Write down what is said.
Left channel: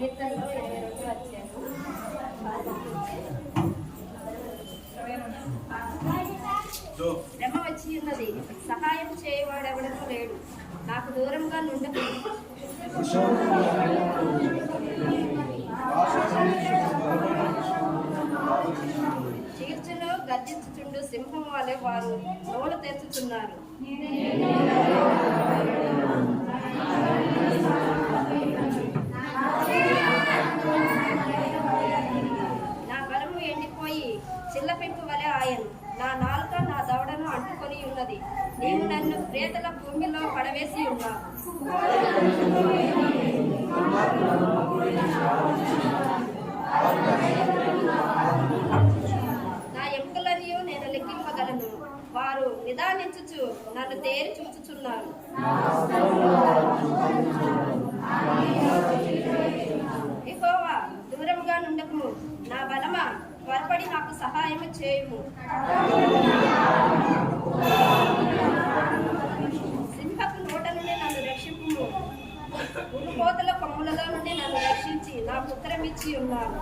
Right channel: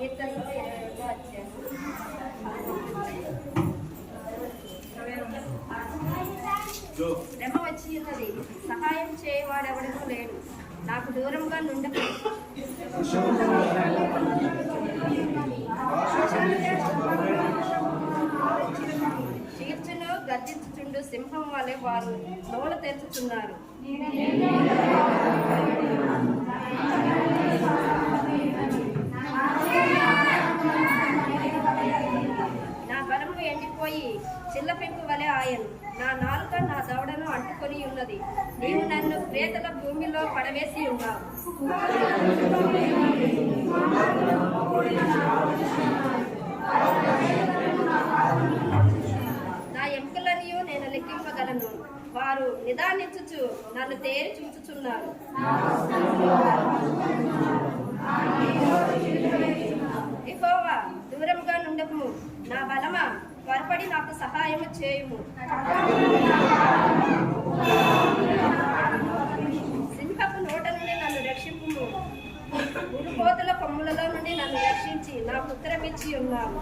కీర్తనలో 22వ అధ్యాయం శ్రమ వచ్చి ఉన్నది, సహాయం చేయవాడెవడనూ లేడు, నాకు దూరంగా నుండకు. చీర్చులో గర్జించుచుండు సింహం వలె వారు నోలు తెరుచుచున్నారు. నా బలము ఎండిపోయి చిల్ల పెంకు వలె ఆయను, నా నాలుక నా దవడను అంటుకొని ఉన్నది. నీవు నన్ను ప్రేతల భూమిలో పడవేసి ఉన్నావు. నా ఎముకలనియు నేను లెక్కింపగలను, వారు నిదానించుచు నన్ను తేరి చూచుచున్నారు. యెహోవా, దూరముగా నుండకుము, నా బలమా, త్వరపడి నాకు సహాయము చేయుము. సింహపు నోట నుండి నన్ను రక్షింపుము, ఉరుకోతల కొమ్ములలో నుండి నన్ను రక్షించి నా పుత్రమిచ్చి ఉన్నాను.